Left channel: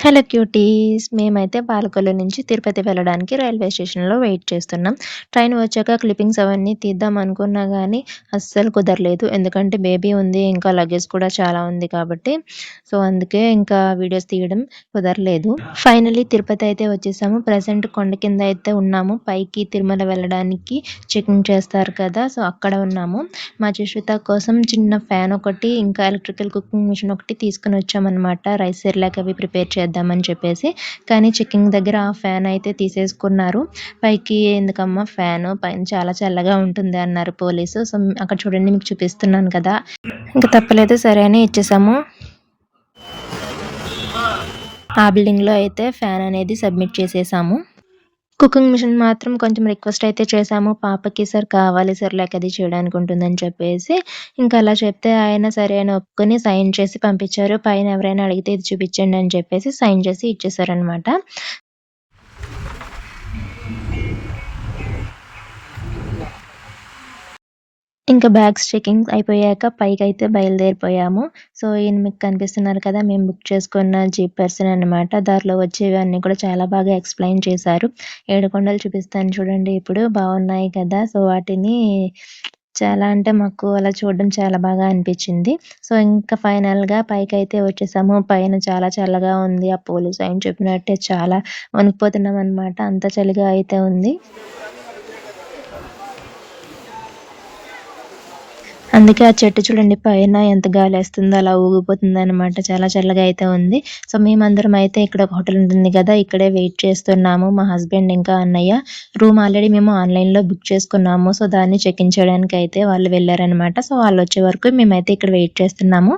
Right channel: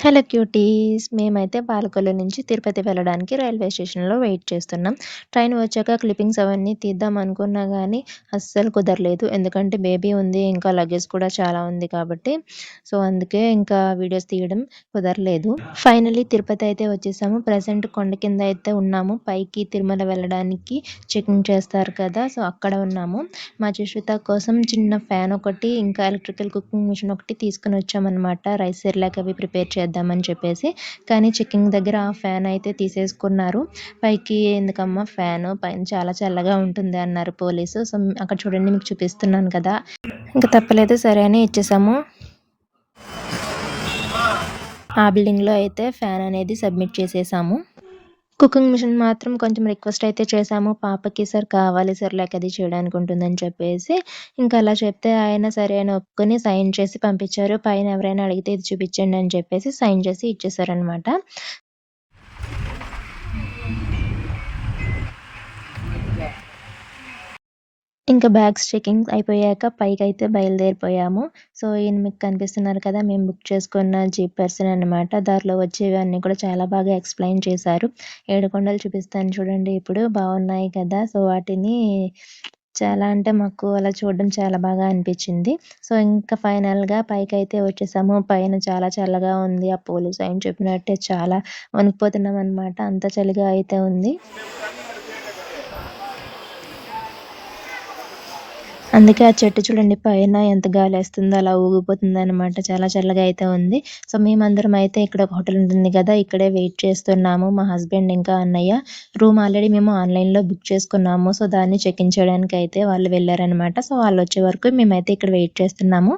Hello cuties. మేమైతే పాలకొల్లు నుంచి తిరుపతి వెళ్ళడానికి రైల్వే స్టేషన్‌లో వెయిట్ చేస్తున్నాం. ట్రైన్ వచ్చాక క్లిప్పింగ్స్ అవన్నీ తీద్దాం అనుకున్నా గానీ అస్సలు కుదరలేదు. ఎందుకంటే బేబీ ఉంది. ఇంకా లగేజ్ కూడా చాలా ఉంది కాబట్టి. సో, అందుకే ఇంకా వీడియోస్ తీయడం కుదరలేదు. ఫైనల్లీ తిరుపతి అయితే వచ్చేసాము. ప్రెజెంట్ కొండ కింద అయితే ఉన్నాము. పైకి తిరుమల వెళ్ళడానికి చెకింగ్ చేస్తారు కదా! సో, అక్కడ ఉన్నాము. మా జశ్విత కోసం చిన్న ఫ్యాన్ ఒకటి, ఇంకా ఎలక్ట్రికల్ కుకింగ్ మిషన్ ఒకటి తీసుకొని వచ్చామనమాట. రైస్ సెర్లాక్ అవి ప్రిపేర్ చేద్దామని చెప్పేసి. కానీ చెకింగ్ దగ్గర ఆ ఫ్యాన్ అయితే తీసేసుకున్నారు. పైకి ఎందుకమ్మా ఫ్యాను, పైన చాలా చల్లగా ఉంటుంది అన్నారు పోలీసు. సో, అక్కడ చూడండి మీకు చూపిస్తున్నాను కదా! ఇంక తప్పలేదు సరే అని ఇచ్చేసాము. ఆ బిల్డింగ్‌లో అయితే ఫ్యాన్ అనేది సబ్మిట్ చేసేసాము. కుకింగ్ మిషన్ మాత్రం కొంచెం రిక్వెస్ట్ అయితే చేశాము. పాపకి సార్ కావాలి సెర్లాక్ అది చేయడానికి ఉంటుందని చెప్పేసి. ఇంకా అలా చెప్తే ఆయన సరే అని ఒప్పుకొని సైన్ చేసి పంపించారు. పైన ఎవరైనా అడిగితే ఇది చూపించండి అని చెప్పేసి సైన్ చేసి ఇచ్చేసారనమాట. ఇంకా బ్యాగ్స్ చెకింగ్ అయిపోయాక పైకైతే బయలుదేరిపోయాము. సో, ఈయన మీకు కనిపిస్తున్నారు కదా! మేము బుక్ చేసుకున్న జీప్ పర్సన్ అనమాట. దారిలో వచ్చేవి అన్నీ కూడా చాలా బాగా ఎక్స్‌ప్లెయిన్ చేశారు. ఏడుకొండలు చూపిస్తాను చూడండి ఇప్పుడు. బాగున్నాయి కదా! సో, వాటిని చాలా అంటే మాకు అలా చూడడం చాలా బాగా అనిపించింది. సో, ఇంకా ఫైనల్‌గా పైకైతే వచ్చేసాము. పైన చాలా చల్లగా ఉంది. ఆ పోలీస్ ఆయన చెప్పినట్టే చాలా వణికిపోతున్నామనమాట. అంత చలిగా అయితే ఉంది. అందుకే ఆ చెట్టు చూడండి పైన ఎంత గాలేస్తుందో అలా ఊగిపోతుందనమాట. చాలా చల్లగా అయితే ఉంది. సో, మేమందరం అయితే ఇక్కడ ఒక హోటల్ ఉంటుంది గదా! ఇక్కడే వెయిట్ చేస్తున్నాము. మా హస్బెండ్ ఇంకా అన్నయ్య. రూమ్ ఆల్రెడీ మేము ఆన్‌లైన్‌లో బుక్ చేసుకున్నాము. సో, దాన్ని చెక్ ఇన్ చేయడానికైతే వాళ్ళు వెళ్లారనమాట. సో, వాళ్ళొచ్చే వరకు మేమైతే ఇక్కడ వెయిట్ చేస్తున్నాము.